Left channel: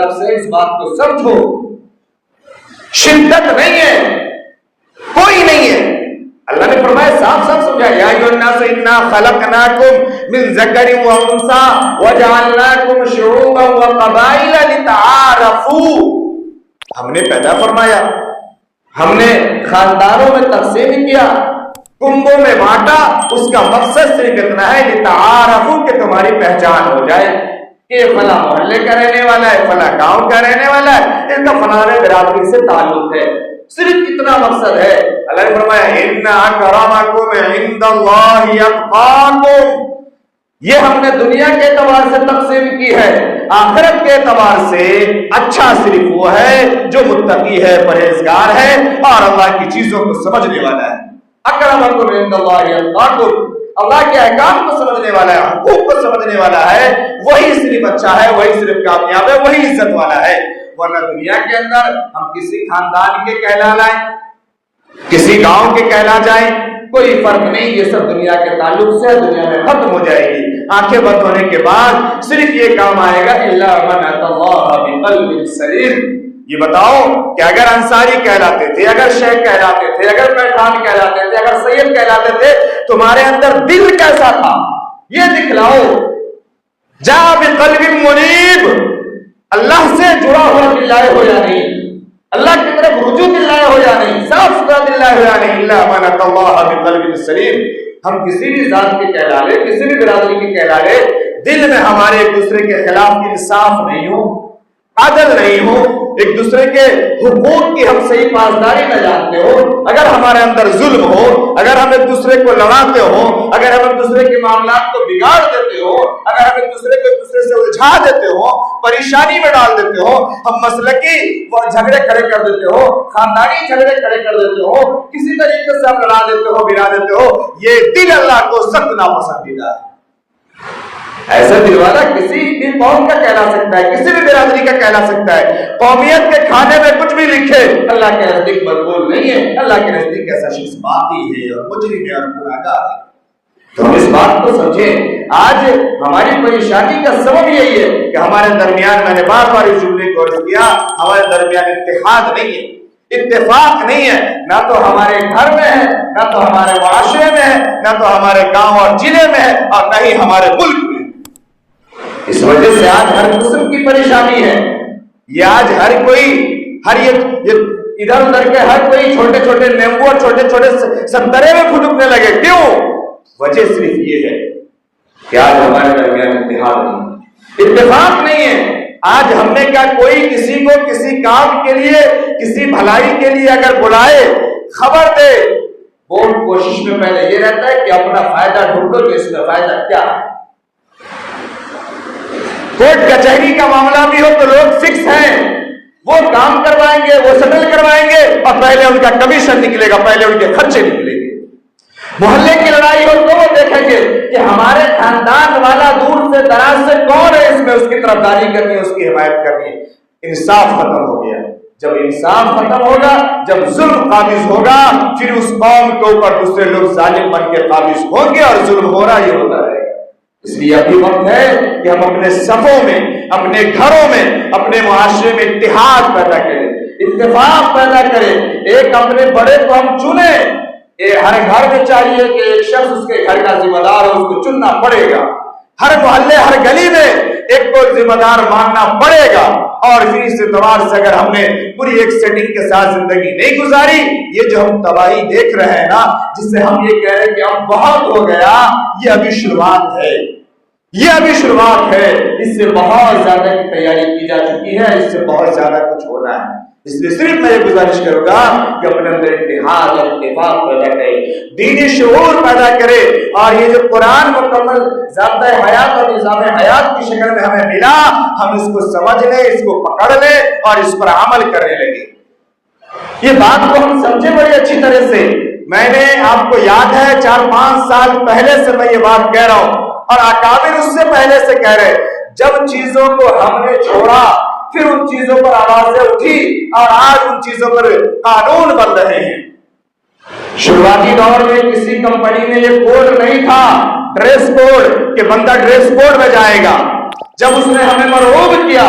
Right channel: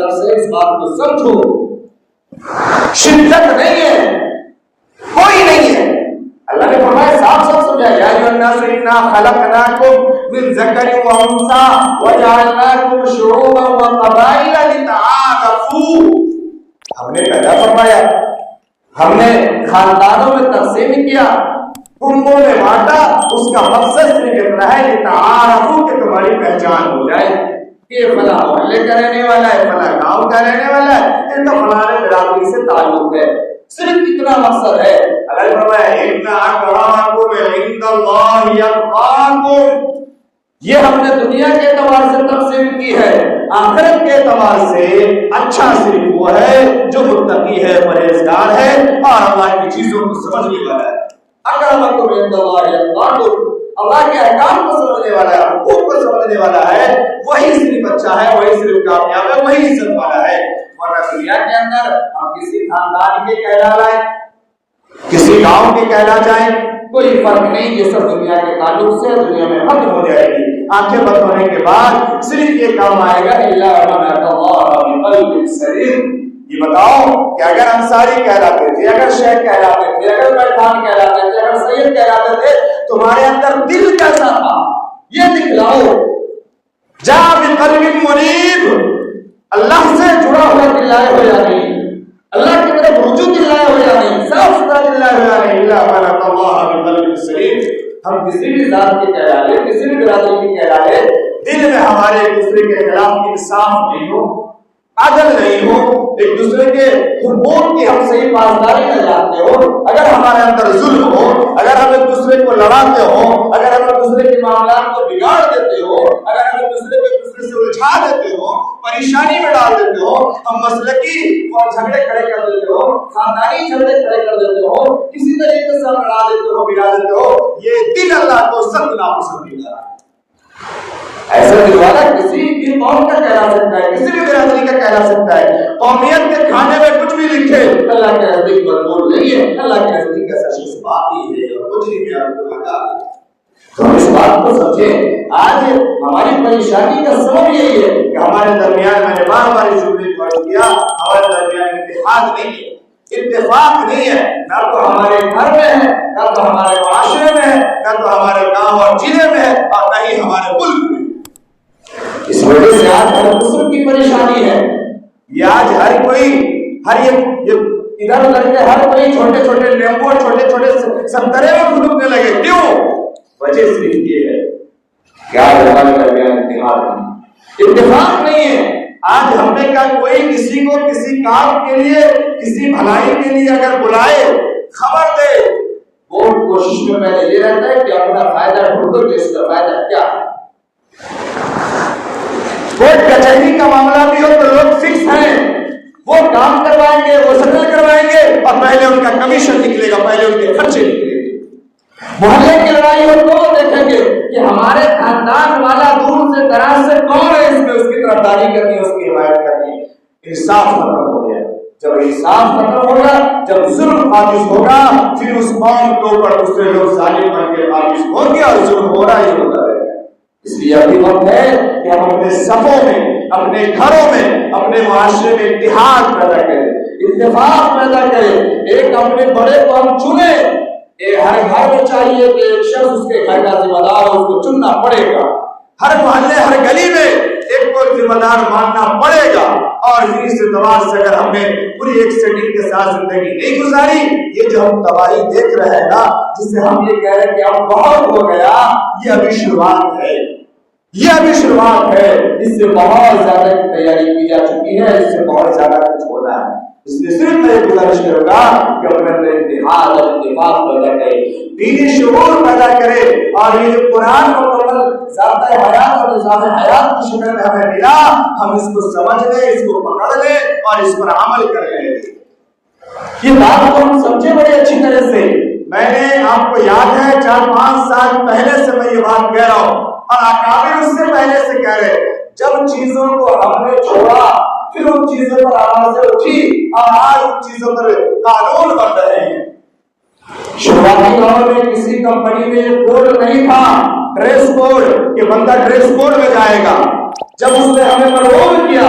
طرف سے اس بات کو سمجھو، شدت نہیں ہے، کوئی نہیں ہے۔ اللہ نے فرمایا صاف صاف سمجھایا، یا ایھا الناس انا خلقناکم من ذکر و انثی وجعلناکم شعوبا وقبائل لتعارفوا۔ ہم نے پیدا فرمایا، ہم نے خاندانوں میں تقسیم کیا، کنبوں میں بانٹا، اس کا مقصد صرف اتنا ہے لتعارفوا کہ تمہاری پہچان ہو جائے کہ فلاں محلے کا رہنے والا ہے، فلاں گاؤں کا رہنے والا ہے، اس کا فلاں برادری سے تعلق ہے، صرف اتنا مقصد ہے۔ اللہ نے فرمایا ان اکرمکم عند اللہ اتقاکم، یہ ہم نے دنیا کے اعتبار سے تقسیم کی ہے، آخرت کے اعتبار سے اچھا صرف وہ ہے جو متقی ہے، پرہیزگار ہے اور اللہ کی چیزوں کو سمجھنے والا ہے۔ اکرمکم عند اللہ اتقاکم، اللہ کے احکام کو سمجھنے والا ہے، حقوق کو سمجھنے والا ہے، وہی صرف اچھا ہے، وہی صرف کامیاب ہے، وہی عزت والا ہے۔ ورنہ دنیا کے اندر ہم کسی خاندان کے کہلا لائیں، کسی گاؤں کے کہلا جائیں، کوئی فرق نہیں، یہ سب دنیا کے تعلق سے دنیا میں ختم ہو جائے گی۔ آنکھیں بند ہونے کے بعد صرف یہ کام آئے گا الا من اتى الله بقلب سلیم۔ یہ بتاؤ کہ اگر انصاری کہلاتے تھے، اگر شیخ کہلاتے تھے، اگر پٹھان کہلاتے تھے، اگر سید کہلاتے تھے، تمہارے اندر دل کیسا تھا یہ دکھلاؤ۔ جا بقلب منیب، اللہ سے جڑا ہوا دل لائے ہو یا نہیں، اللہ کی طرف رجوع دل لائے ہو یا نہیں، صاف ستھرا دل لائے ہو یا نہیں۔ الا من اتى الله بقلب سلیم۔ ہم کسی بھی ذات کے کہلا لے، کسی بھی برادری کے کہلا لے، دل میں ہمارے ایک دوسرے کے خلاف انصاف نہیں ہو، عدل نہیں ہو، ایک دوسرے کے حقوق کی ہم صحیح پاسداری نہ جانتے ہو، اگر ہمارے اندر ظلم ہو، اگر ہم ایک دوسرے کو لڑاتے ہو، اگر ہم ایک دوسرے کے معاملات کو بگاڑ دیتے ہو، اگر ہم ایک دوسرے کو ایک دوسرے سے الجھا دیتے ہو، پریشانی میں ڈال دیتے ہو، ہم مسلکی جھگڑے کھڑے کر دیتے ہو، خاندانی جھگڑے کھڑے کر دیتے ہو، کسی طریقے سے ہم لڑا دیتے ہو، بگاڑ دیتے ہو، یہ دل اللہ کو سخت ناپسندیدہ ہے۔ ایسا دل والا کسی بھی قوم کا کہلا سکتا ہے، کسی بھی برادری کا کہلا سکتا ہے، قومیت کے کھانے میں کچھ بھی لکھے، اللہ کے نزدیک مقبول نہیں ہے، اللہ کے نزدیک ایسا شخص باقی ہے اور مجرم ہے اور گناہگار ہے۔ تو ہم اس بات کو سمجھیں، آج ہماری پریشانی کا سبب یہی ہے کہ ہمارے درمیان، میں نے بار بار اس جملے کو عرض کیا، ہمارے درمیان اتحاد نہیں ہے، اتفاق نہیں ہے، نہ تو ہمارے گھر میں ہے، نہ تو ہمارے معاشرے میں ہے، نہ تو ہمارے گاؤں اور ضلع میں ہے، اور نہ ہی ہمارے ملک میں۔ اس وجہ سے آج ہر قسم کی پریشانی ہے، یہ آج ہر کوئی، ہر یہ ادھر ادھر کے ہر کوئی چھوٹے چھوٹے نیمبو، چھوٹے چھوٹے سنترے میں پھٹکنے لگے، کیوں؟ وجہ صرف یہ ہے کہ آج ہمارے درمیان اتحاد نہیں، اتفاق نہیں ہے۔ آج ہم نے کہا کوئی کسی کو کسی کام کے لیے، کسی بھلائی کے لیے اگر بلائے، خبر دے، وہ کوشش میں پہلے یہ رہتا ہے کہ اپنا فائدہ ڈھونڈو کہ اس کا فائدہ کیا ہے۔ کوٹ کچہری کا معاملہ بھی ہو تو لوگ فکس ہیں، وہ کام کروائیں گے، وہ سیٹل کروائیں گے، اور پہلے ان کا کمیشن نکلے گا، پہلے ان کے خرچے نکلیں گے۔ محلے کی لڑائی ہو تو وہ دیکھیں گے کہ ہمارے خاندان والا دور سے دراز سے کون ہے، اس میں اس کی طرفداری کرنی ہے، اس کی حمایت کرنی ہے۔ انصاف ختم ہو گیا۔ جب انصاف ختم ہوگا، جب ظلم قابض ہوگا، پھر اس قوم کے اوپر دوسرے لوگ ظالم بن کے قابض ہوں گے اور ظلم ہونا ہی ہوتا رہے گا۔ اس لیے ابھی وقت ہے کہ ہم اپنے صفوں میں، اپنے گھروں میں، اپنے معاشرے میں اتحاد پیدا کریں، اتفاق پیدا کریں۔ ایک اپنے بڑے کو ہم چنیں، ہر گھر میں چاہیے کہ ایک شخص اس کے گھر کا ذمہ دار ہو، اس کو چننا پڑے گا۔ ہر محلے، ہر گلی میں ایک کو ذمہ دار ماننا پڑے گا، اور پھر اس اعتبار سے اگر ہم نے پوری ایک سیٹنگ کے ساتھ زندگی نہیں گزاری، یہ جو ہم تباہی دیکھ رہے ہیں نا، جس سے ہم یہ کہہ رہے ہیں کہ اب بہت ہو گیا، یہ ابھی شروعات ہے، یہ ابھی شروعات ہے۔ اس سے بہت زیادہ کی تیاری کی جا چکی ہے، اس سے بہت زیادہ کچھ ہونا ہے۔ اس لیے صرف میں یہ گزارش کروں گا کہ اپنے اندر اتحاد اور اتفاق پیدا کرے، دینی شعور پیدا کرے، اور یہ جو قرآن مکمل ضابطۂ حیات اور نظام حیات کی شکل میں ہمیں ملا، ہم اس کو سمجھ لیں، اس کو پکڑ لیں اور اس پر عمل کرنے لگے۔ یہ بات کو ہم سمجھے بڑی اچھی طرح سے۔ میں نے آپ کو یاد ہے 4-5 سال پہلے سے میں یہ بات کہہ رہا ہوں، اور اکابر اس سے پہلے سے کہہ رہے، جب چیزوں کو ہم نے چھوڑا، پھر ان چیزوں پر آوازیں اٹھی، اور آج ان چیزوں پر قانون بن رہے ہیں۔ شروعاتی دور میں کسی کمپنی میں یہ کوڈ نہیں تھا، ڈریس کوڈ، کہ بندہ ڈریس کوڈ میں جائے گا۔ جب اس نے ہمیں مرغوب کیا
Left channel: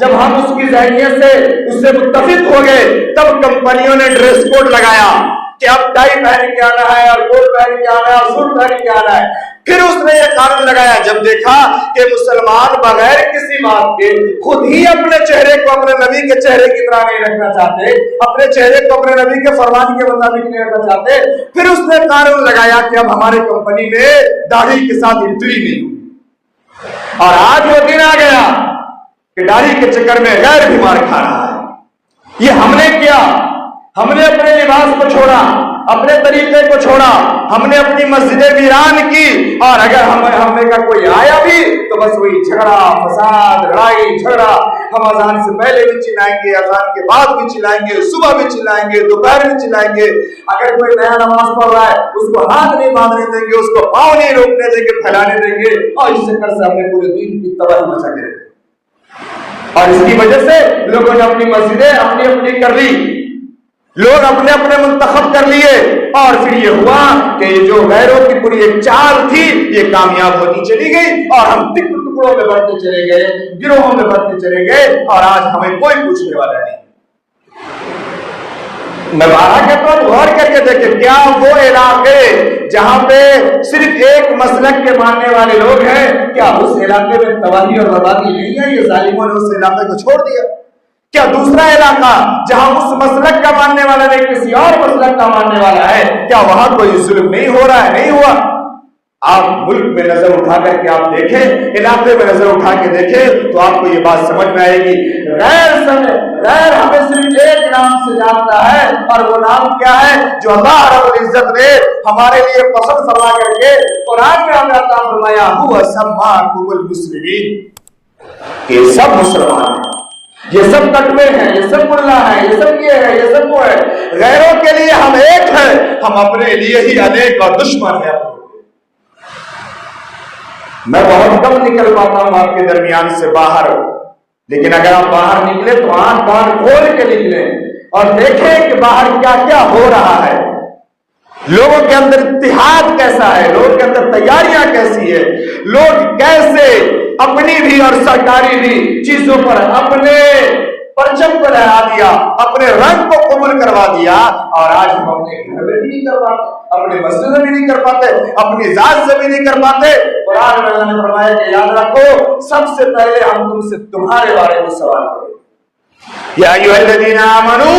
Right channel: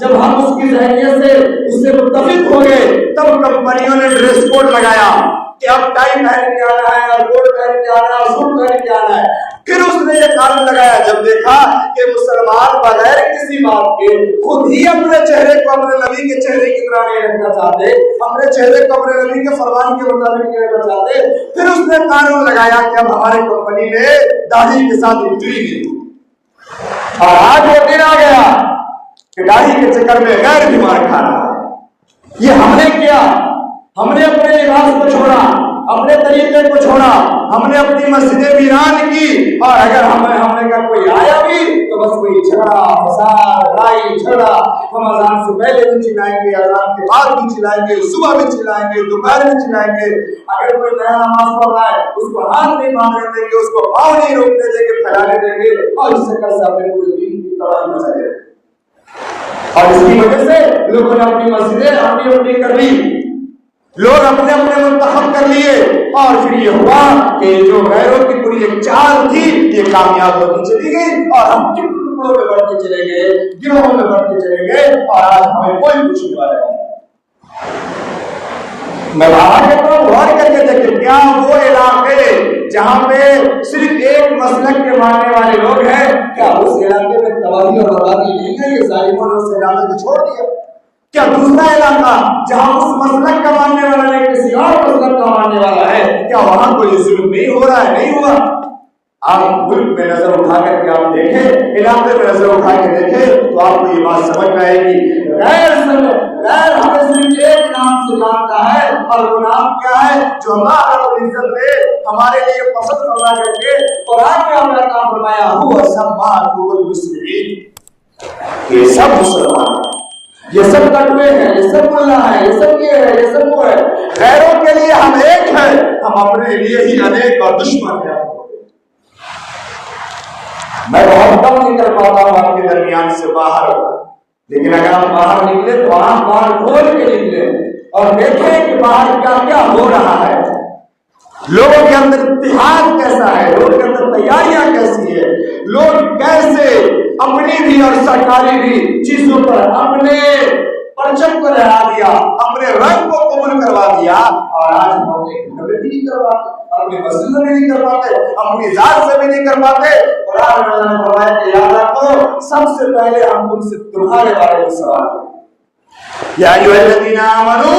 جب ہم اس کی ذہنیت سے اس سے متفق ہو گئے تب کمپنیوں نے ڈریس کوڈ لگایا کہ اب ٹائی پہن کے آنا ہے اور کوٹ پہن کے آنا ہے اور سوٹ پہن کے آنا ہے. پھر اس نے یہ قانون لگایا جب دیکھا کہ مسلمان بغیر کسی بات کے خود ہی اپنے چہرے کو اپنے نبی کے چہرے کی طرح نہیں رکھنا چاہتے, اپنے چہرے کو اپنے نبی کے فرمان کے مطابق نہیں رکھنا چاہتے, پھر اس نے قانون لگایا کہ اب ہمارے کمپنی میں داڑھی کے ساتھ انٹری نہیں ہوگی. اور آج وہ دن آ گیا کہ داڑھی کے چکر میں غیر بیمار کھا رہا ہے. یہ ہم نے کیا, ہم نے اپنے لباس کو چھوڑا, اپنے طریقے کو چھوڑا, ہم نے اپنی مسجدیں ویران کی, اور اگر ہمیں کا کوئی آیا بھی تو بس وہی جھگڑا فساد لڑائی جھگڑا. ہم اذان سے پہلے بھی چلائیں گے, اذان کے بعد بھی چلائیں گے, صبح بھی چلائیں گے, دوپہر بھی چلائیں گے. اگر کوئی نیا نماز پڑھ رہا ہے اس کو ہاتھ نہیں باندھنے دیں گے, اس کو پاؤں نہیں روکنے دیں گے, پھیلانے دیں گے, اور اس چکر سے ہم نے پورے دین کی تباہی مچا کے رکھی. اور اس کی وجہ سے لوگوں نے اپنی مسجدیں اپنی اپنی کر لی, لوگ اپنے اپنے منتخب کر لیے, اور پھر یہ ہوا کہ جو غیروں کی پوری ایک چال تھی یہ کامیاب ہوتی چلی گئی, اور ہم ٹکڑوں میں بڑھتے چلے گئے, گروہوں میں بڑھتے چلے گئے, اور آج ہمیں کوئی پوچھنے والا نہیں. میں باہر کہتا ہوں غور کر کے دیکھیں, کیا وہ علاقے جہاں پہ صرف ایک مسلک کے ماننے والے لوگ ہیں, کیا اس علاقے میں تباہی اور بربادی نہیں ہے؟ یہ ظالموں نے اس علاقے کو چھوڑ دیا. کیا دوسرا علاقہ جہاں اس مسلک کا ماننے والا نہیں کسی اور مسلک کا ماننے والا ہے, کیا وہاں کوئی ظلم نہیں ہو رہا ہے؟ نہیں ہوا. آپ ملک میں نظر اٹھا کر کے آپ دیکھیں, علاقے میں نظر اٹھا کے دیکھیں تو آپ کو یہ بات سمجھ میں آئے گی. غیر ہمیں صرف ایک نام سے جانتا ہے, اور وہ نام کیا ہے جو اللہ رب العزت نے ہمارے لیے پسند فرما کر کے قرآن میں ہمیں عطا فرمایا, هو سماکم المسلمین. یہ سب مسلمان ہیں, یہ سب تقوی ہیں, یہ سب ملا ہے, یہ سب یہ ہے, یہ سب وہ ہے. غیروں کے لیے ہم ایک ہیں, ہم اپنے لیے ہی انیک اور دشمن ہیں. میں بہت کم نکل پاتا ہوں آپ کے درمیان سے باہر, لیکن اگر آپ باہر نکلے تو آنکھ باہر کھول کے نکلے اور دیکھیں کہ باہر کیا کیا ہو رہا ہے, لوگوں کے اندر اتحاد کیسا ہے, لوگوں کے اندر تیاریاں کیسی ہے, لوگ کیسے اپنی بھی اور سرکاری بھی چیزوں پر اپنے پرچم کو لہرا دیا, اپنے رنگ کو قبول کروا دیا. اور آج ہم اپنے گھر میں بھی نہیں کر پاتے, اپنے مسجد میں بھی نہیں کر پاتے, اپنی ذات سے بھی نہیں کر پاتے. قرآن میں اللہ نے فرمایا کہ یاد رکھو سب سے پہلے ہم تم سے تمہارے بارے میں سوال کریں. یا ایھا الذین آمنوا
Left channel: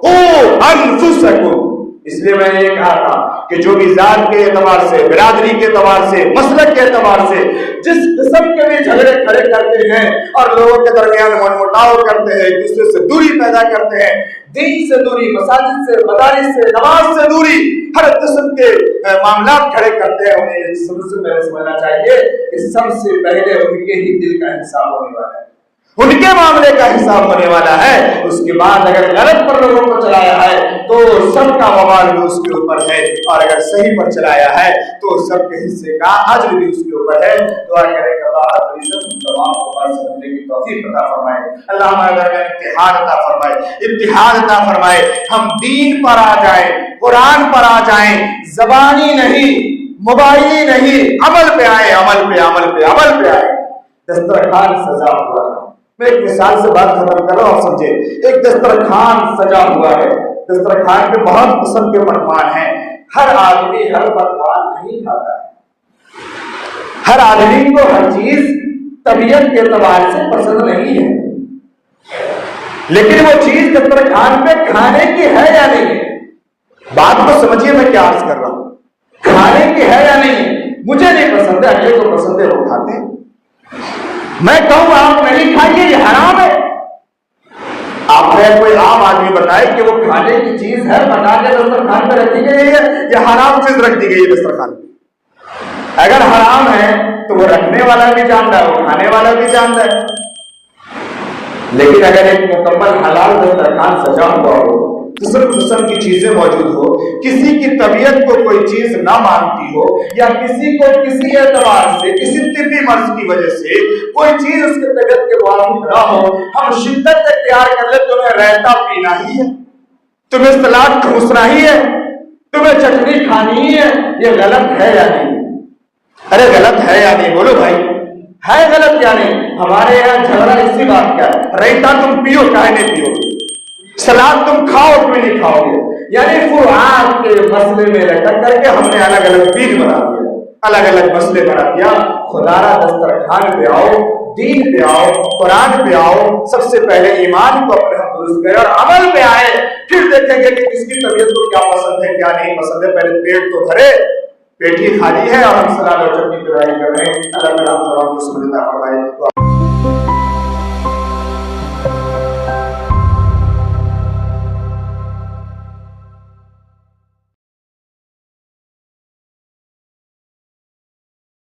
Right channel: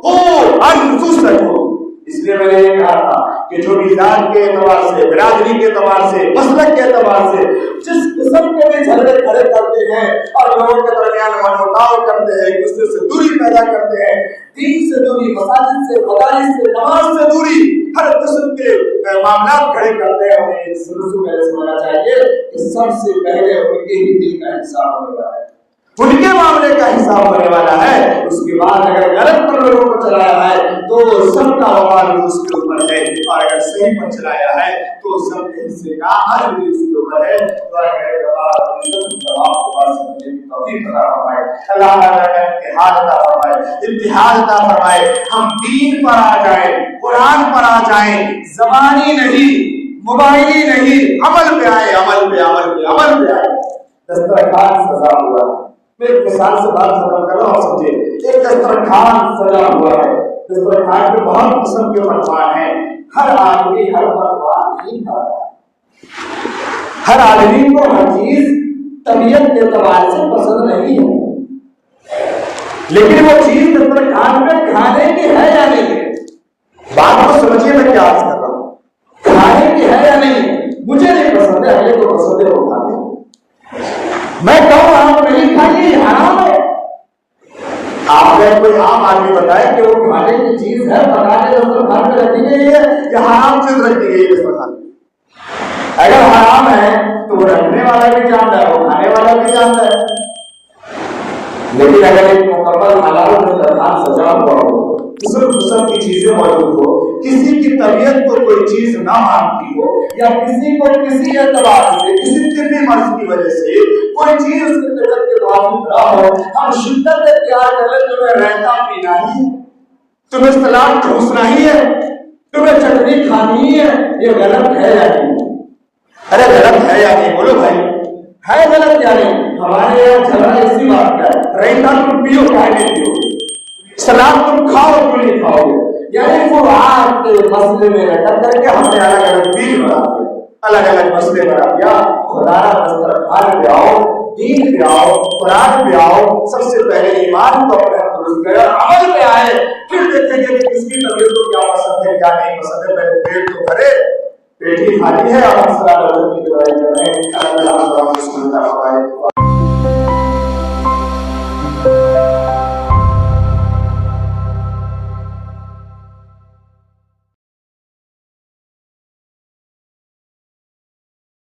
قوا انفسکم. اس لیے میں نے یہ کہا تھا کہ جو بھی ذات کے اعتبار سے, برادری کے اعتبار سے, مسلک کے اعتبار سے جس قسم کے بھی جھگڑے کھڑے کرتے ہیں اور لوگوں کے درمیان منمٹاؤ کرتے ہیں, ایک دوسرے سے دوری پیدا کرتے ہیں, دین سے دوری, مساجد سے, مدارس سے, نماز سے دوری, ہر قسم کے معاملات کھڑے کرتے ہیں, انہیں سب سے پہلے سمجھنا چاہیے کہ سب سے پہلے ان کے ہی دل کا حساب ہونے والا ہے, ان کے معاملے کا حساب ہونے والا ہے. اس کے بعد اگر غلط پر لوگوں کو چلایا ہے تو سب کا وبال بھی اس کے اوپر ہے, اور اگر صحیح پر چلایا ہے تو سب کے حصے کا اجر بھی اس کے اوپر ہے. دعا کریں کہ اللہ رب العزت تمام کو بات سمجھنے کی توفیق عطا فرمائے, اللہ تعالیٰ کا اتحاد عطا فرمائے, اتحاد عطا فرمائے. ہم دین پر آ جائیں, قرآن پر آ جائیں, زبانی نہیں, موبائلی نہیں, عمل پہ آئے, عمل پہ عمل پہ عمل پہ آئے. دسترخوان سجا ہوا ہے, میں ایک مثال سے بات ختم کر رہا ہوں, سمجھے. ایک دسترخوان سجا ہوا ہے, دسترخوان میں بہت قسم کے پکوان ہیں. ہر آدمی ہر پکوان نہیں کھاتا ہے, ہر آدمی کو ہر چیز طبیعت کے اعتبار سے پسند نہیں ہے, لیکن وہ چیز دسترخوان پہ کھانے کی ہے یا نہیں ہے. بات کو سمجھیے میں کیا عرض کر رہا ہوں, کھانے کی ہے یا نہیں ہے. مجھے نہیں پسند ہے, اگلے کو پسند ہے, وہ کھاتے ہیں. میں کہوں آپ نہیں کھائیے, یہ حرام ہے. آپ نے کوئی عام آدمی بتائے کہ وہ کھانے کی چیز ہے, بتا کے دسترخوان پہ رکھی گئی ہے, یا حرام چیز رکھ دی گئی ہے دسترخوان پہ. اگر حرام ہے تو وہ رکھنے والا بھی جانتا ہے, وہ کھانے والا بھی جانتا ہے. لیکن اگر ایک مکمل حلال دسترخوان سجا ہوا ہو, قسم قسم کی چیزیں موجود ہو, کسی کی طبیعت کو کوئی چیز نہ مانتی ہو, یا کسی کو کسی اعتبار سے, کسی طبی مرض کی وجہ سے کوئی چیز اس کی طبیعت کے موافق نہ ہو, ہم شدت اختیار کر لیں تمہیں رائتا پینا ہی ہے, تمہیں سلاد ٹھوسنا ہی ہے, تمہیں چٹنی کھانی ہی ہے. یہ غلط ہے یا نہیں؟ ارے غلط ہے یا نہیں بولو بھائی. ہے غلط یا نہیں؟ ہمارے یہاں جھگڑا اسی بات کا ہے، ریتا تم پیو کائے نہیں پیو، سلاد تم کھاؤ کوئی نہیں کھاؤ گے، یعنی فروعات کے مسئلے میں لٹک کر کے ہم نے الگ الگ دین بنا دیا، الگ الگ مسئلے بنا دیا۔ خدا را دسترخوان پہ آؤ، دین پہ آؤ، قرآن پہ آؤ، سب سے پہلے ایمان کو اپنے ہم درست کریں اور عمل پہ آئے، پھر دیکھیں گے کہ کس کی طبیعت کو کیا پسند ہے کیا نہیں پسند ہے۔ پہلے پیٹ تو بھرے، پیٹ ہی خالی ہے اور ہم سلاد اور چٹنی کی لڑائی کر رہے ہیں۔ اللہ تعالیٰ ہم کو سنتا فرمائے۔